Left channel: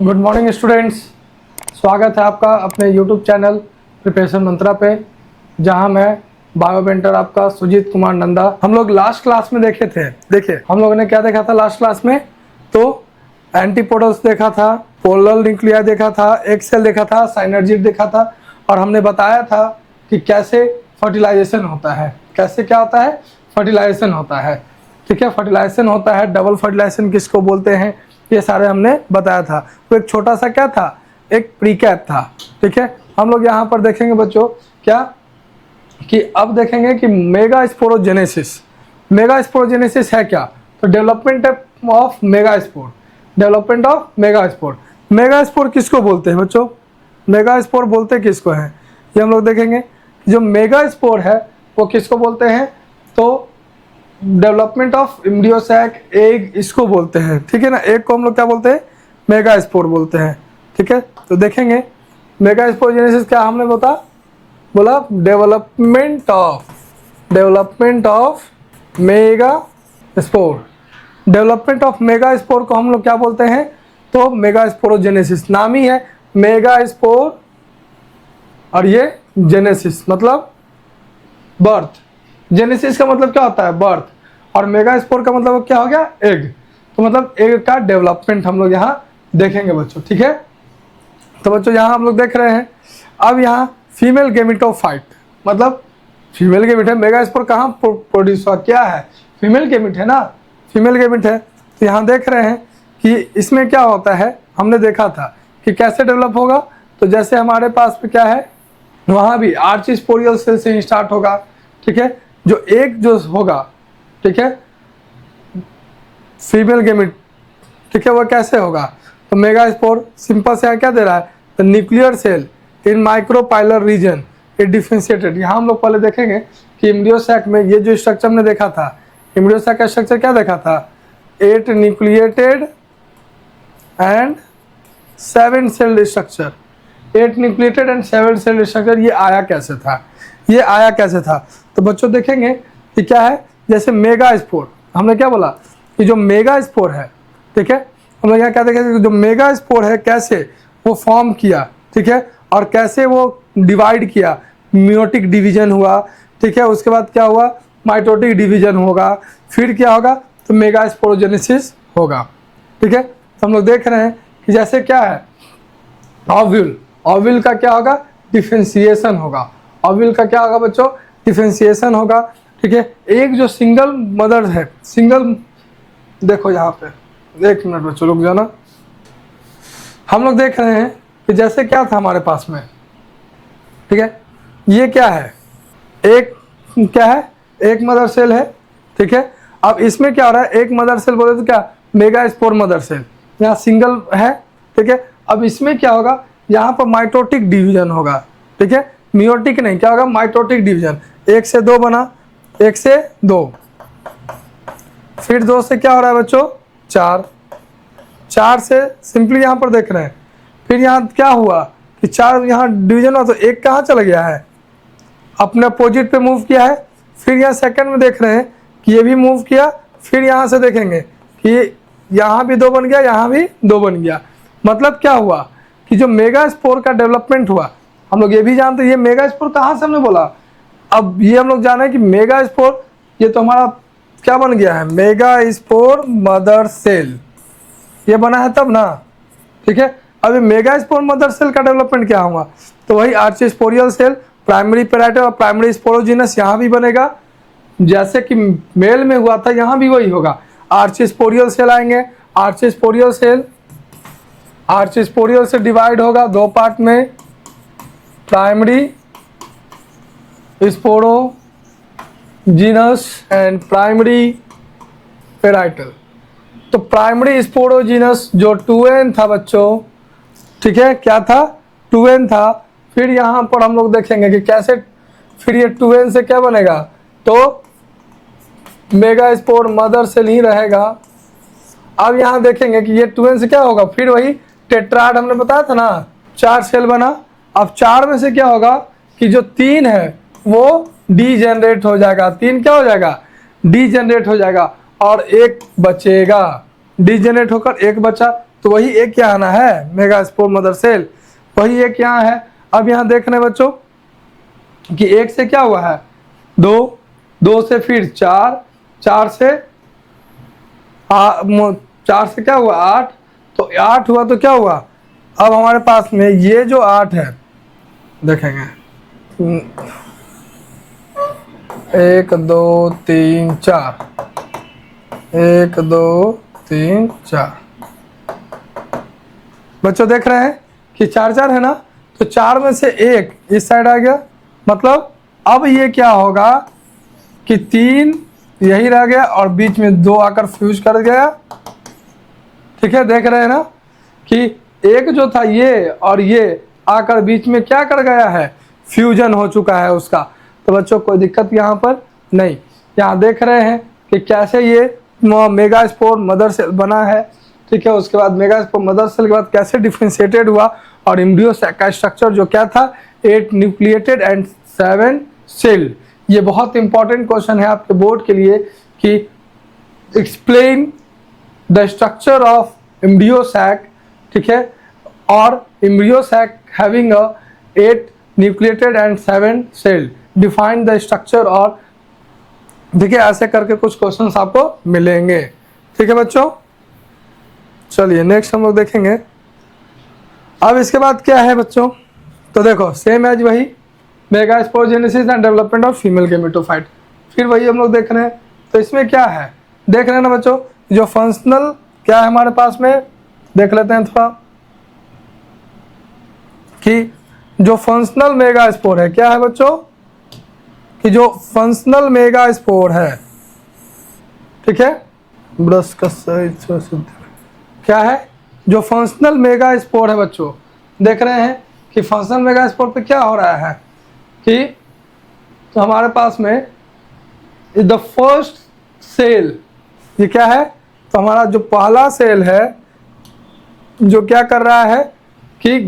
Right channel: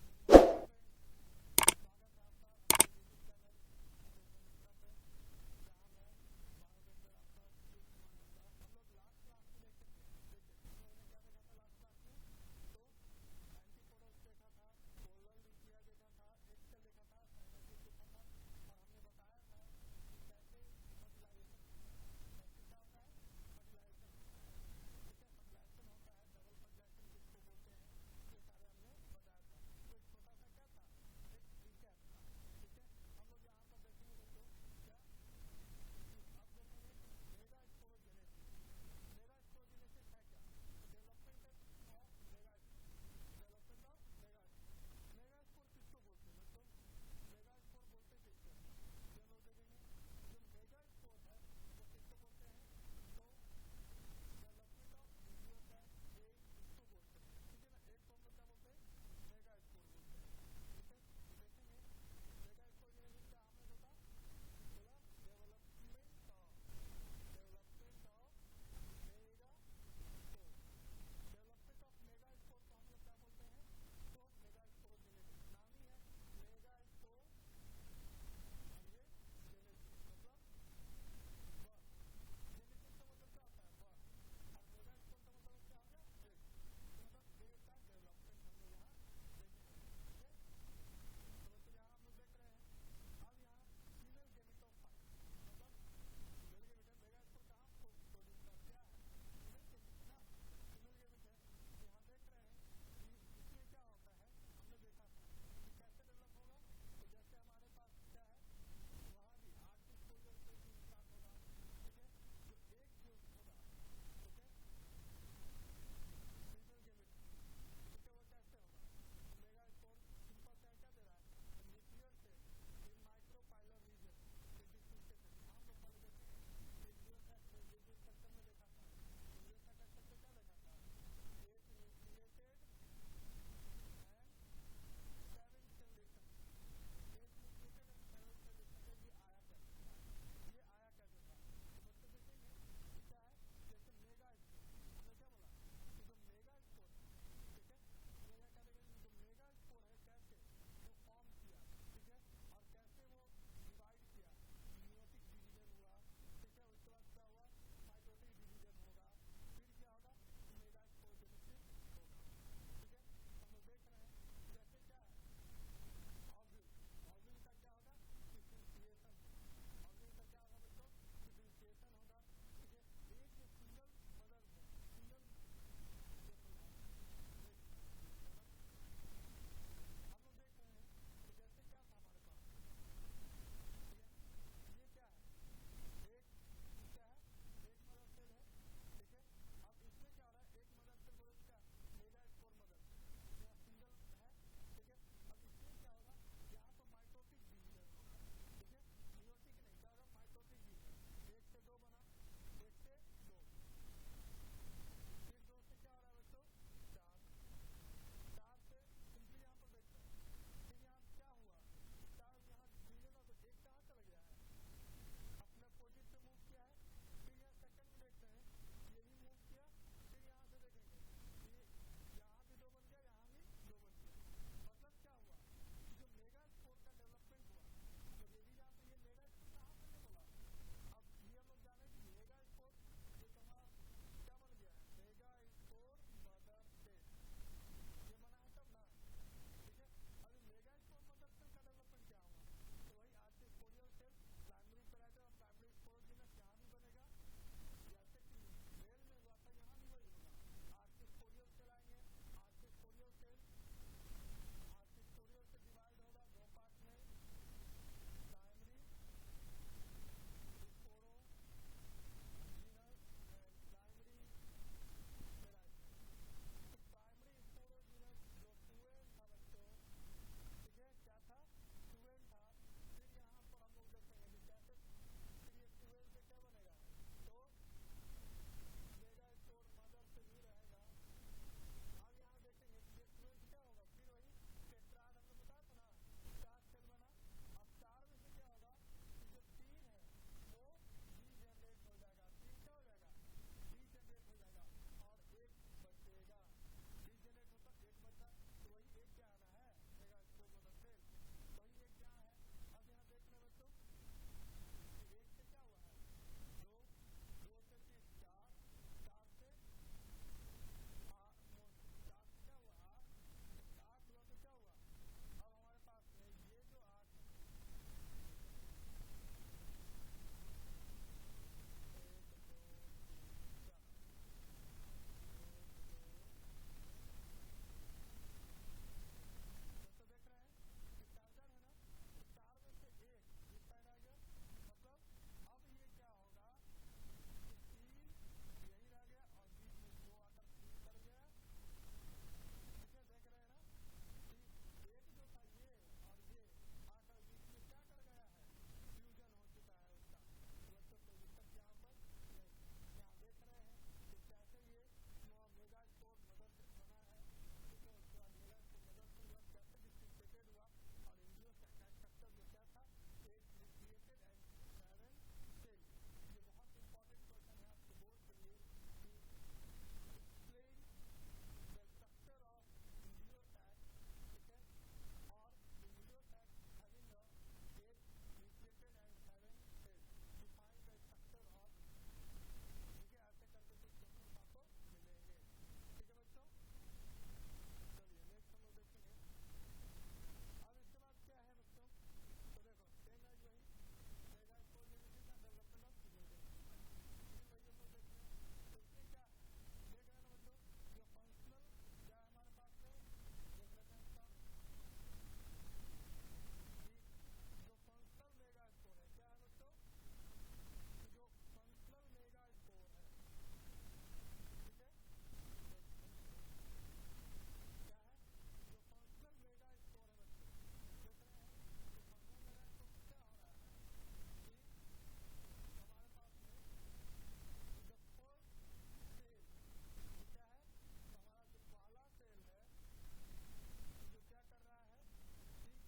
Good morning students. स्वागत है आपका अपने यूट्यूब चैनल प्रिपरेशन मंत्रा पे, जहां मैं बायोमेंटर आपका सुजीत कुमार नंदा। हम लोग लास्ट क्लास में देखे थे, देखिए हम लोगों ने क्या देखा था लास्ट क्लास में। तो एंटीपोडल्स देखा था, पोलर न्यूक्लिया देखा था, एक सेल देखा था, साइनर्जिड देखा था, और हमने बताया था कि कैसे फर्टिलाइजेशन होता है, कैसे क्या होता है, फर्टिलाइजेशन होता है। ठीक है, फर्टिलाइजेशन होता है, डबल फर्टिलाइजेशन किसको बोलते हैं, ये सारे हमने बताया था। तो एक छोटा सा क्या था, एक प्रीकैप था। ठीक है, हम लोग यहाँ पर देखेंगे बच्चों क्या कि अब देखेंगे कि मेगा स्पोरोजेनेसिस। मेगा स्पोरोजेनेसिस है क्या, तो development of mega spore, development of mega spore. Mega spore किसको बोलते हैं बच्चों, मेगा स्पोर बोलते किसको हैं, ये हम लोग देखेंगे। जो मेगा स्पोर है वो किसको बोलते हैं, तो डेवलपमेंट ऑफ एम्ब्रियोसैक एग इसको बोलते हैं। ठीक है ना, एग को हम लोग क्या बोलते हैं, मेगा स्पोर बोलते हैं। ठीक है, तो देखेंगे मेगा स्पोरोजेनेसिस क्या हमने बोला development of mega spore. Development of mega spore को हम लोग क्या बोलते हैं, तो मेगा स्पोरोजेनेसिस। नाम ही है मेगा स्पोर, और ये जेनेसिस मतलब बर्थ। जेनेसिस का मतलब क्या होता है, बर्थ, और मेगा स्पोर का मतलब क्या हो गया, एग। तो मतलब एग का डेवलपमेंट हम लोग यहाँ देखेंगे बच्चों। ठीक है, तो बच्चों यहाँ हम लोग देख रहे हैं। अब यहाँ फीमेल गेमिटोफाइट मतलब फीमेल गेमिट है। मेगा स्पोर कहाँ प्रोड्यूस हुआ, क्या है, फीमेल गेमिट है ना, फीमेल गेमिट है। तो यहाँ देख रहे हैं कि इसमें क्या होता है, हमने देखा था कि कैसे डेवलप होगा। तो जैसे हमारे पास में क्या है, वहाँ भी आर्च स्पोरियल सेल से स्टार्ट होगा। ठीक है, जो एक जो होगा, ठीक है, फीमेल गेमिट, ठीक है, वो कैसे होगा, तो मेगा स्पोर सिंपल से क्या दे रहा है, the nuclear cell in micropylar region it differentiated. यहाँ हम लोग पहले देखेंगे कि एम्ब्रियोसैक में ये जो स्ट्रक्चर हमने देखा था, एम्ब्रियोसैक का स्ट्रक्चर क्या देखा था, 8 nucleated and 7 sailed structure. 8 nucleated and 7 sailed structure, ये आया कैसे था, ये आया कैसे था। तो बच्चों देखेंगे कि क्या है, जैसे मेगा स्पोर हमने क्या बोला कि जो मेगा स्पोर है, ठीक है, हम लोग यहाँ क्या देखेंगे, जो मेगा स्पोर है कैसे वो फॉर्म किया, ठीक है, और कैसे वो डिवाइड किया, मियोटिक डिवीजन हुआ। ठीक है, उसके बाद क्या हुआ, माइटोटिक डिवीजन होगा, फिर क्या होगा, तो मेगा स्पोरोजेनेसिस होगा। ठीक है, तो हम लोग देख रहे हैं कि जैसे क्या है, ओव्यूल, ओव्यूल का क्या होगा, डिफरेंशिएशन होगा। ओव्यूल का क्या होगा बच्चों, डिफरेंशिएशन होगा। ठीक है, एक जो सिंगल मदर है, सिंगल, देखो यहाँ पे, एक मिनट बच्चों रुक जाना। हम लोग देख रहे हैं कि जैसे क्या था हमारे पास में, ठीक है, ये क्या है, एक क्या है, एक मदर सेल है। ठीक है, अब इसमें क्या हो रहा है, एक मदर सेल बोले तो क्या, मेगा स्पोर मदर सेल, यहाँ सिंगल है। ठीक है, अब इसमें क्या होगा, यहाँ पर माइटोटिक डिवीजन होगा। ठीक है, मियोटिक नहीं, क्या होगा, माइटोटिक डिवीजन। 1 से 2 बना, 1 से 2, फिर 2 से क्या हो रहा है बच्चों, 4, 4 से सिंपली यहाँ पर देख रहे हैं। फिर यहाँ क्या हुआ कि 4 यहाँ डिवीजन हुआ, तो 1 कहाँ चला गया है, अपने अपोजिट पे मूव किया है। फिर यहाँ सेकंड में देख रहे हैं कि ये भी मूव किया। फिर यहाँ से देखेंगे कि यहाँ भी 2 बन गया, यहाँ भी 2 बन गया। मतलब क्या हुआ कि जो मेगा स्पोर का डेवलपमेंट हुआ, हम लोग ये भी जानते हैं, ये मेगा स्पोर कहाँ से हमने बोला, अब ये हम लोग जाने कि मेगा स्पोर ये तो हमारा क्या बन गया है, मेगा स्पोर मदर सेल, ये बना है तब ना। ठीक है, अब मेगा स्पोर मदर सेल का डेवलपमेंट क्या हुआ, तो वही आर्चिस्पोरियल सेल, प्राइमरी पेराइटल और प्राइमरी स्पोरोजिनस यहाँ भी बनेगा। जैसे कि मेल में हुआ था, यहाँ भी वही होगा, आर्चिस्पोरियल सेल आएंगे। आर्चिस्पोरियल से डिवाइड होगा 2 पार्ट में, primary sporogenous and primary parietal. तो प्राइमरी स्पोरोजिनस जो 2n था बच्चों, ठीक है, क्या था, 2n था। फिर यहाँ पर हम लोग देखेंगे कि कैसे फिर ये 2n से क्या बनेगा, तो मेगा स्पोर मदर सेल ही रहेगा। अब यहाँ देखेंगे कि ये 2n से क्या होगा, फिर वही टेट्राड हमने बताया था ना, 4 सेल बना। अब 4 में से क्या होगा कि जो 3 है वो डीजेनरेट हो जाएगा, 3 क्या हो जाएगा, डीजेनरेट हो जाएगा, और 1 बचेगा, डीजेनरेट होकर 1 बचा। तो वही एक यहाँ आना है मेगास्पोर मदर सेल, वही एक यहाँ है। अब यहाँ देख रहे हैं बच्चों कि एक से क्या हुआ है 2, 2 से फिर 4, 4 से 4 से क्या हुआ 8, तो 8 हुआ तो क्या हुआ, अब हमारे पास में ये जो 8 है देखेंगे 1 2 3 4, 1 2 3 4 बच्चों देख रहे हैं कि 4 4 है ना, तो 4 में से 1 इस साइड आ गया, मतलब अब ये क्या होगा कि 3 यही रह गया और बीच में 2 आकर फ्यूज कर गया। ठीक है, देख रहे हैं ना कि एक जो था ये और ये आकर बीच में क्या कर गया है, फ्यूजन हो चुका है उसका। तो बच्चों कोई दिक्कत यहाँ पर नहीं। यहाँ देख रहे हैं कि कैसे ये मेगास्पोर मदर सेल बना है। ठीक है, उसके बाद मेगास्पोर मदर सेल के बाद कैसे डिफरेंशिएटेड हुआ और एम्ब्रियो सैक का स्ट्रक्चर जो क्या था 8 न्यूक्लिएटेड एंड 7 सेल। ये बहुत इंपॉर्टेंट क्वेश्चन है आपके बोर्ड के लिए कि explain the structure of embryo sac. ठीक है, और embryo sac having a 8 nucleated and 7 cell, define the structure. और देखिए ऐसे करके कुछ क्वेश्चंस आपको मिलेंगे। ठीक है बच्चों, चलिए नेक्स्ट हम लोग देखेंगे। अब इसके बाद क्या है बच्चों, तो देखो सेम एज वही megasporogenesis and development of female gametophyte, फिर वही हम लोग देख रहे हैं। तो इसमें क्या है देख रहे हैं ना बच्चों, जो फंक्शनल क्या है हमारे पास में, देख लेते हैं थोड़ा कि जो फंक्शनल मेगास्पोर है क्या है बच्चों, कि जो फंक्शनल मेगास्पोर है, ठीक है, ब्रश का सही क्या है, जो फंक्शनल मेगास्पोर है बच्चों, देख रहे हैं कि फंक्शनल मेगास्पोर पे क्या हो रहा है कि तो हमारे पास में द फर्स्ट सेल, ये क्या है, तो हमारा जो पहला सेल है जो क्या कर रहा है कि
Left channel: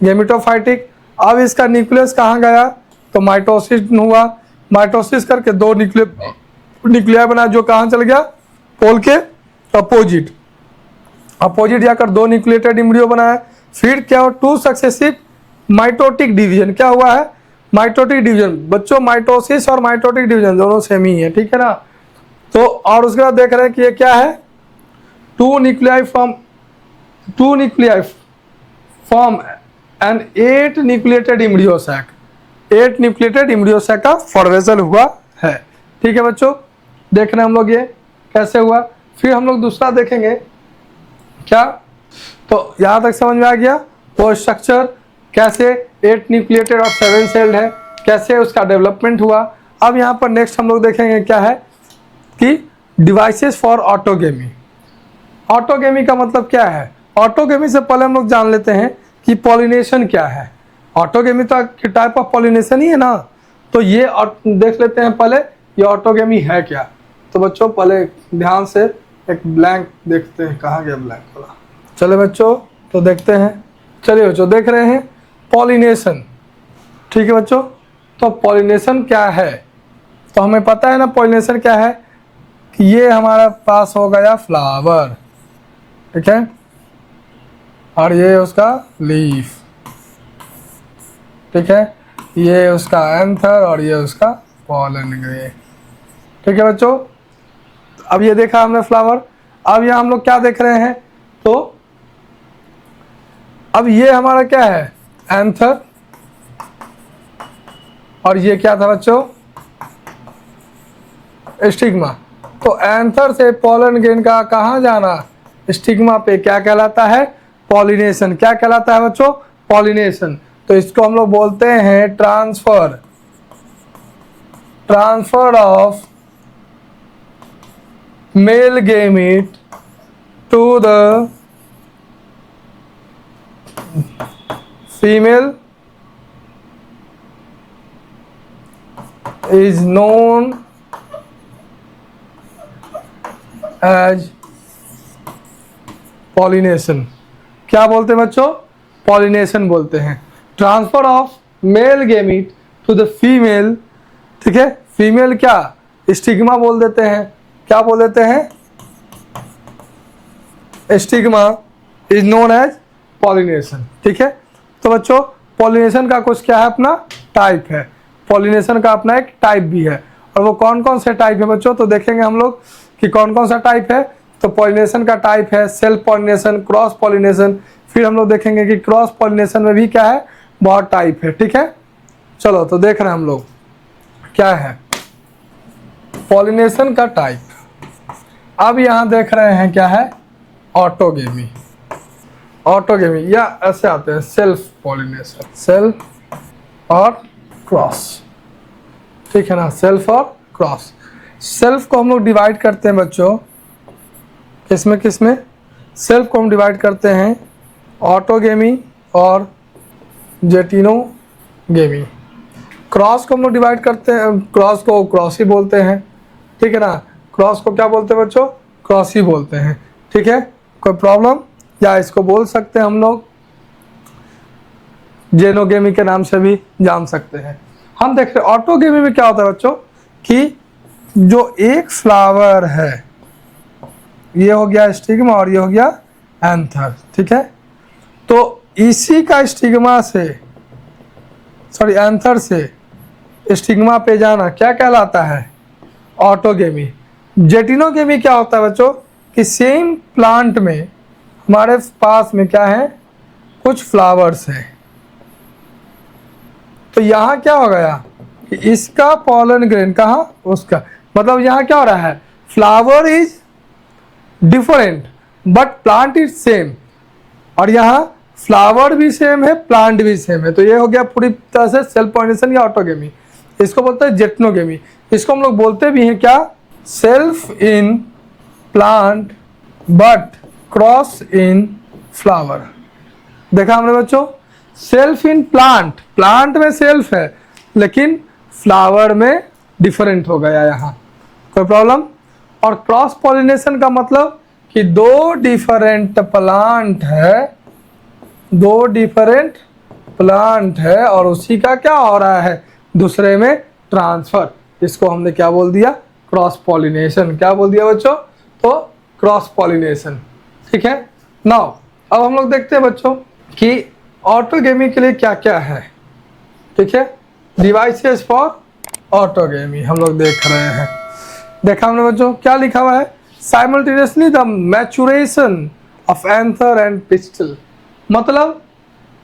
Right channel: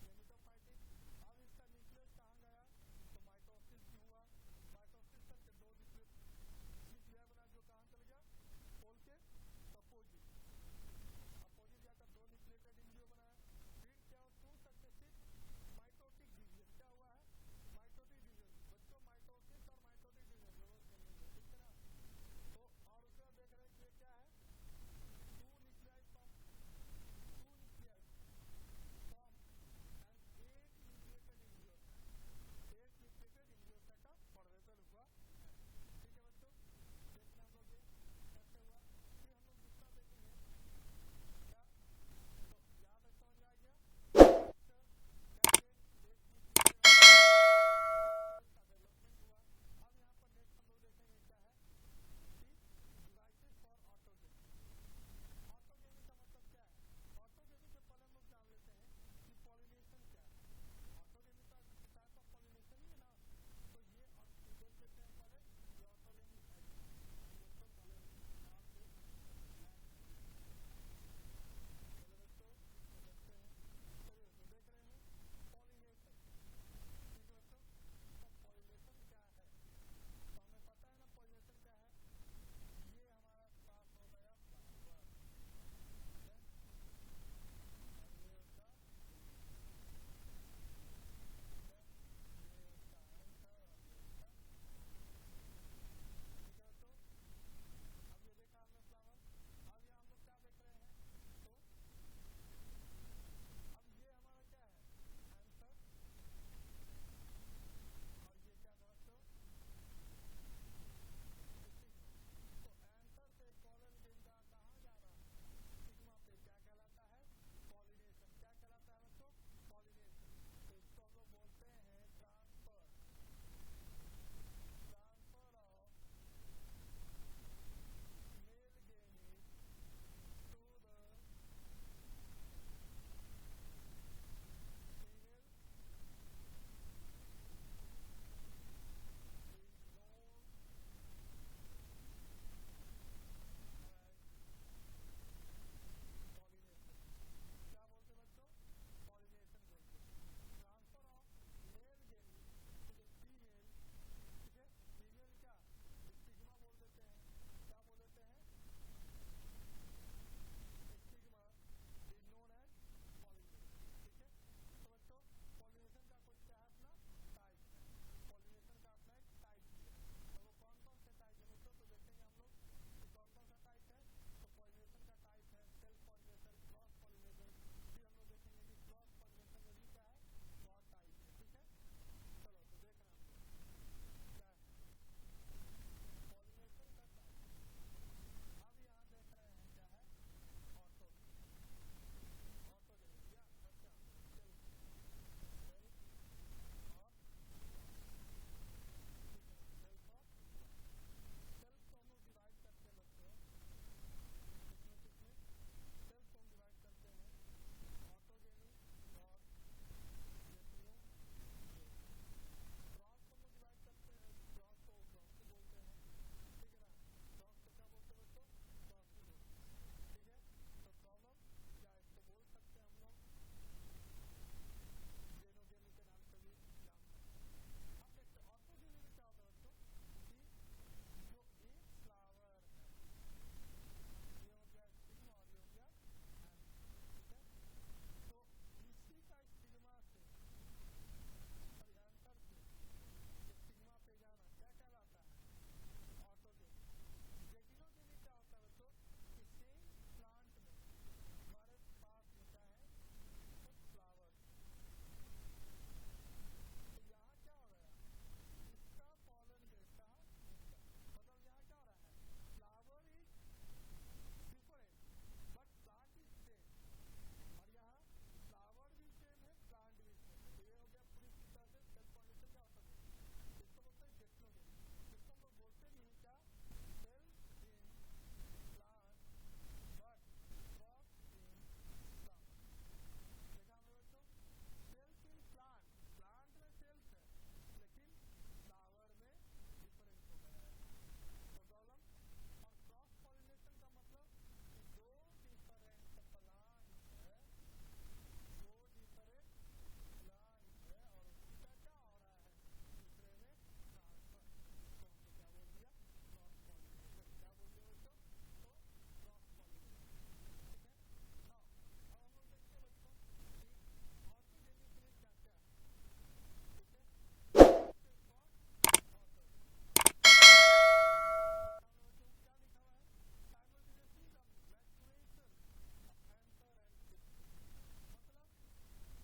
गेमिटोफाइटिक। अब इसका न्यूक्लियस कहाँ गया, तो माइटोसिस हुआ, माइटोसिस करके 2 न्यूक्लिया बना जो कहाँ चल गया, पोल के अपोजिट जाकर 2 न्यूक्लिएटेड एम्ब्रियो बनाया। फिर क्या हुआ 2 सक्सेसिव माइटोटिक डिवीजन, क्या हुआ है माइटोटिक डिवीजन। बच्चों माइटोसिस और माइटोटिक डिवीजन दोनों सेम ही है, ठीक है ना। तो और उसके बाद देख रहे हैं कि ये क्या है 2 nuclei form and 8 nucleated embryo sac, 8 nucleated embryo sac का फॉर्मेशन हुआ है। ठीक है बच्चों, देख रहे हैं हम लोग ये कैसे हुआ। फिर हम लोग दूसरा देखेंगे क्या, तो यहाँ तक समझ में आ गया वो स्ट्रक्चर कैसे 8 न्यूक्लिएटेड और 7 सेल्ड है, कैसे उसका डेवलपमेंट हुआ। अब यहाँ पर नेक्स्ट हम लोग देखेंगे क्या है कि डिवाइसेस फॉर ऑटोगेमी। ऑटोगेमी का मतलब क्या है, ऑटोगेमी से पहले हम लोग जान लेते हैं कि पॉलिनेशन क्या है। ऑटोगेमी तो टाइप ऑफ पॉलिनेशन ही है ना, तो ये देख लेते हैं पहले ये ऑटोगेमी है क्या। तो बच्चों पहले ध्यान से एक ब्लैंक देखते हैं, कहाँ गया ब्लैंक वाला। चले बच्चों तो देखते हैं, चलिए बच्चों देख रहे हैं पॉलिनेशन। ठीक है बच्चों, तो पॉलिनेशन क्या है, तो हमें पता है ना पॉलिनेशन क्या है कि ये हमारा पास हो गया फ्लावर, ठीक है, और ये उसका लीफ, ठीक है, ये उसका एंथर और ये उसका पॉलन ग्रेन। ठीक है बच्चों, अब ये देखा हमने फ्लावर। अब यहाँ हम लोग क्या देख रहे हैं, तो अब ये हमारा क्या है एंथर, और ये क्या था बच्चों स्टिग्मा। तो एंथर से पॉलन ग्रेन का कहाँ जाना, स्टिग्मा पे, क्या कहलाता है पॉलिनेशन। क्या कहलाता है बच्चों पॉलिनेशन। तो इसको हम लोग बोलते हैं transfer of male gamete to the female is known as pollination। क्या बोलते हैं बच्चों, पॉलिनेशन बोलते हैं। Transfer of male gamete to the female, ठीक है, फीमेल क्या स्टिग्मा बोल देते हैं, क्या बोल देते हैं stigma is known as pollination. ठीक है, तो बच्चों पॉलिनेशन का कुछ क्या है, अपना टाइप है। पॉलिनेशन का अपना एक टाइप भी है, और वो कौन कौन से टाइप है बच्चों, तो देखेंगे हम लोग कि कौन कौन सा टाइप है। तो पॉलिनेशन का टाइप है सेल्फ पॉलिनेशन, क्रॉस पॉलिनेशन, फिर हम लोग देखेंगे कि क्रॉस पॉलिनेशन में भी क्या है, बहुत टाइप है। ठीक है, चलो तो देख रहे हैं हम लोग क्या है पॉलिनेशन का टाइप। अब यहाँ देख रहे हैं क्या है, ऑटोगेमी। ऑटोगेमी या ऐसे आते हैं सेल्फ पॉलिनेशन, सेल्फ और क्रॉस। ठीक है ना, सेल्फ और क्रॉस। सेल्फ को हम लोग डिवाइड करते हैं बच्चों किसमें किसमें, सेल्फ को हम डिवाइड करते हैं ऑटोगेमी और जेटिनोगेमी। क्रॉस को हम लोग डिवाइड करते हैं, क्रॉस को क्रॉस ही बोलते हैं। ठीक है ना, क्रॉस को क्या बोलते हैं बच्चों, क्रॉस ही बोलते हैं। ठीक है, कोई प्रॉब्लम, या इसको बोल सकते हैं हम लोग जेनोगेमी के नाम से भी जान सकते हैं। हम देख रहे हैं ऑटोगेमी में क्या होता है बच्चों कि जो एक फ्लावर है, ये हो गया स्टिग्मा और ये हो गया एंथर। ठीक है, तो इसी का स्टिग्मा से, सॉरी एंथर से स्टिग्मा पे जाना क्या कहलाता है, ऑटोगेमी। जेटिनोगेमी क्या होता है बच्चों कि सेम प्लांट में हमारे पास में क्या है, कुछ फ्लावर्स हैं, तो यहाँ क्या हो गया कि इसका पॉलन ग्रेन कहाँ, उसका, मतलब यहाँ क्या हो रहा है, flower is different but plant is same, और यहाँ फ्लावर भी सेम है, प्लांट भी सेम है। तो ये हो गया पूरी तरह से सेल्फ पॉलिनेशन या ऑटोगेमी। इसको बोलते हैं जेटिनोगेमी। इसको हम लोग बोलते भी हैं क्या, self in plant but cross in flower. देखा हमने बच्चों, सेल्फ इन प्लांट, प्लांट में सेल्फ है लेकिन फ्लावर में डिफरेंट हो गया यहाँ, कोई प्रॉब्लम। और क्रॉस पॉलिनेशन का मतलब कि दो डिफरेंट प्लांट है, दो डिफरेंट प्लांट है और उसी का क्या हो रहा है, दूसरे में ट्रांसफर। इसको हमने क्या बोल दिया, क्रॉस पॉलिनेशन। क्या बोल दिया बच्चों, तो क्रॉस पॉलिनेशन। ठीक है, नाउ अब हम लोग देखते हैं बच्चों कि ऑटोगेमी के लिए क्या क्या है। ठीक है, डिवाइसेस फॉर ऑटोगेमी हम लोग देख रहे हैं। देखा हमने बच्चों क्या लिखा हुआ है, simultaneously the maturation of anther and pistol. मतलब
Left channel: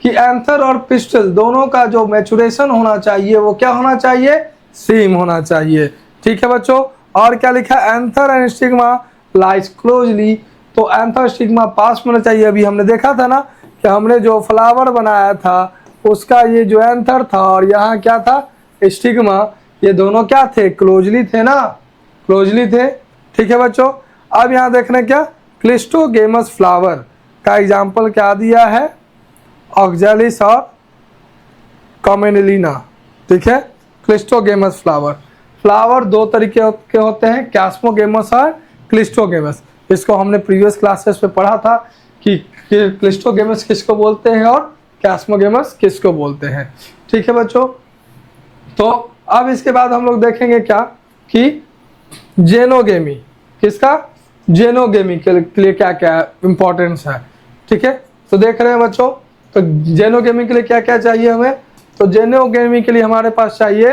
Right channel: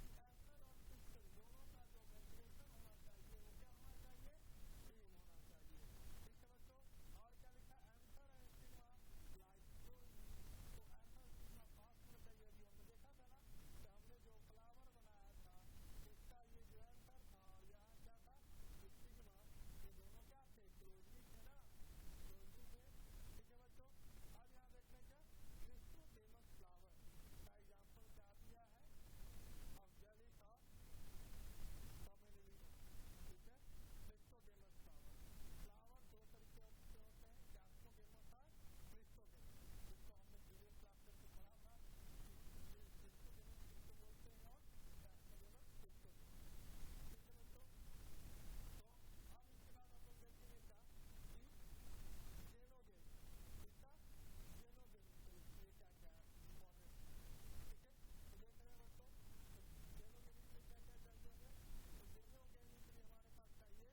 कि एंथर और पिस्टल दोनों का जो मैचुरेशन होना चाहिए वो क्या होना चाहिए, सेम होना चाहिए। ठीक है बच्चों, और क्या लिखा है, anther and stigma lies closely. तो एंथर स्टिग्मा पास में होना चाहिए। अभी हमने देखा था ना कि हमने जो फ्लावर बनाया था उसका ये जो एंथर था और यहाँ क्या था स्टिग्मा, ये दोनों क्या थे, क्लोजली थे ना, क्लोजली थे। ठीक है बच्चों, अब यहाँ देखना क्या, क्लिस्टोगेमस फ्लावर का एग्जाम्पल क्या दिया है, ऑक्जेलिस और कॉमेनिलिना। ठीक है, क्लिस्टोगेमस फ्लावर, फ्लावर दो तरीके के होते हैं, कैस्मोगेमस और क्लिस्टोगेमस। इसको हमने प्रीवियस क्लासेस में पढ़ा था कि क्लिस्टोगेमस किसको बोलते हैं और कैस्मोगेमस किसको बोलते हैं। ठीक है बच्चों, तो अब इसके बाद हम लोग देखेंगे क्या कि जेनोगेमी, किसका, जेनोगेमी के लिए क्या क्या इंपॉर्टेंस है। ठीक है, तो देख रहे हैं बच्चों, तो जेनोगेमी के लिए क्या क्या चाहिए हमें, तो जेनोगेमी के लिए हमारे पास चाहिए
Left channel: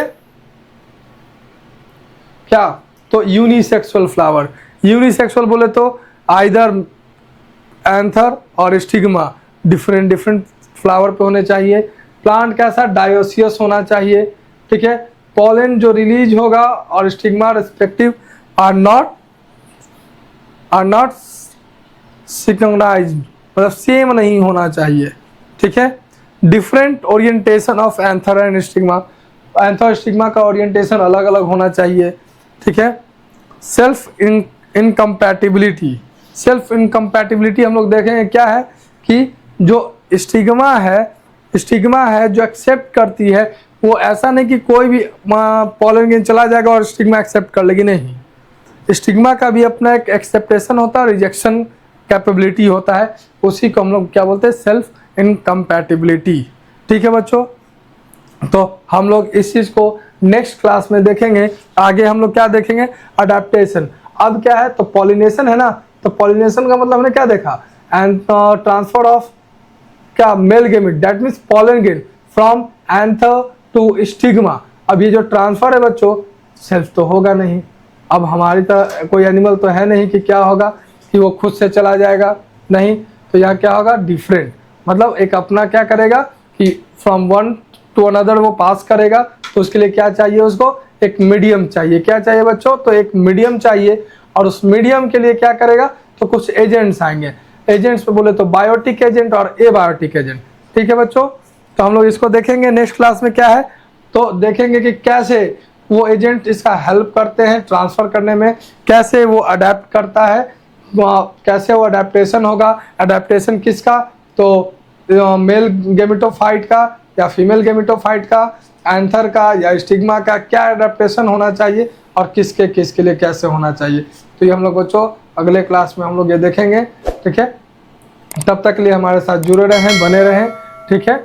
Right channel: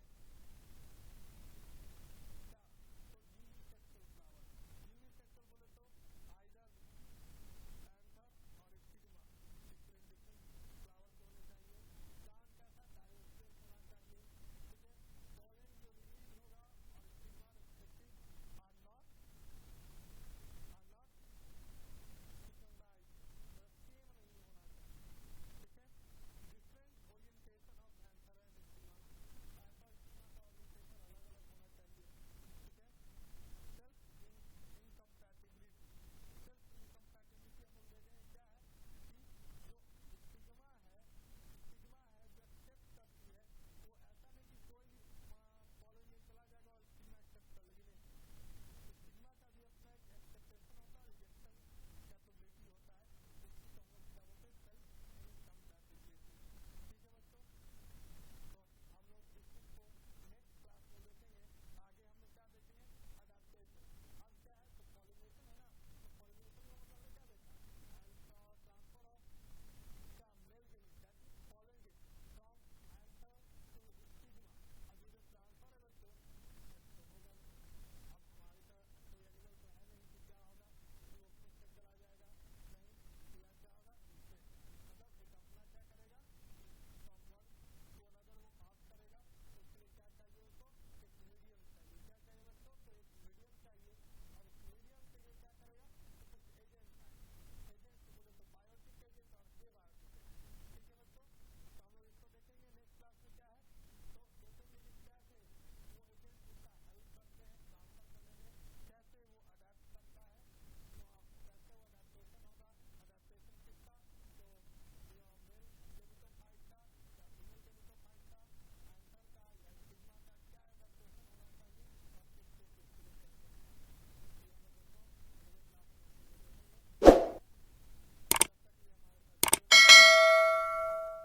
क्या, तो यूनिसेक्सुअल फ्लावर। यूनिसेक्सुअल बोले तो आइदर एंथर और स्टिग्मा डिफरेंट डिफरेंट फ्लावर पे होने चाहिए। प्लांट कैसा, डायोसियस होना चाहिए। ठीक है, पॉलन जो रिलीज होगा और stigma respective are not synchronised, मतलब सेम नहीं होना चाहिए। ठीक है, different orientation of anther and stigma, anther stigma का ओरिएंटेशन अलग अलग होना चाहिए। ठीक है, सेल्फ इनकम्पैटिबिलिटी, सेल्फ इनकम्पैटिबिलिटी हम लोग देखेंगे क्या है कि जो स्टिग्मा है जो एक्सेप्ट करती है, वो ऐसा नहीं कि कोई भी पॉलन ग्रेन चला जाएगा और स्टिग्मा एक्सेप्ट कर लेगी, नहीं, स्टिग्मा का भी अपना एक एक्सेप्टेशन होता है, रिजेक्शन कैपेबिलिटी होता है, उसी को हम लोग क्या बोलते हैं, सेल्फ इनकम्पैटिबिलिटी। ठीक है बच्चों, तो हम लोग इस चीज़ को नेक्स्ट क्लास में देखेंगे। आगे हम लोग क्या देखेंगे, अडेप्टेशन। अब क्या है, तो पॉलिनेशन है ना, तो पॉलिनेशन का मतलब हमने क्या देखा, एंड ट्रांसफर ऑफ क्या male gamete, that means pollen grain from anther to stigma. अब ये जो ट्रांसफर है बच्चों, सेल्फ तो होगा नहीं, अब हमारी तरह कोई एनिमल तो है नहीं कि क्या होगा कि वो खुद से चला जाएगा, नहीं, तो यहाँ क्या होगा, डिफरेंट, मतलब एक अपना क्या करेगा कि फ्रॉम वन टू अनदर वो पास करेगा, तो उसके लिए क्या चाहिए, उसको एक मीडियम चाहिए। क्या चाहिए बच्चों, तो एक मीडियम चाहिए, और उस मीडियम के लिए क्या करेगा, तो कुछ एजेंट्स आएंगे। एजेंट्स पे बोले तो बायोटिक एजेंट और एबायोटिक एजेंट। ठीक है बच्चों, तो हम लोग इसको देखेंगे नेक्स्ट क्लास में क्या है, तो देखेंगे कि कैसे वो एजेंट इसका हेल्प करते हैं ट्रांसफर करने में, कैसे वो अडेप्ट करता है, कैसे वो अडेप्टेशन होगा, अडेप्टेशन किसका, तो मेल गेमेटोफाइट का या फीमेल गेमेटोफाइट का, एंथर का या स्टिग्मा का, क्या अडेप्टेशन होना चाहिए और किसके लिए कैसे होना चाहिए। तो ये हम लोग बच्चों अगले क्लास में हम लोग ये देखेंगे। ठीक है, तब तक के लिए हमारे साथ जुड़े रहें, बने रहें। ठीक है।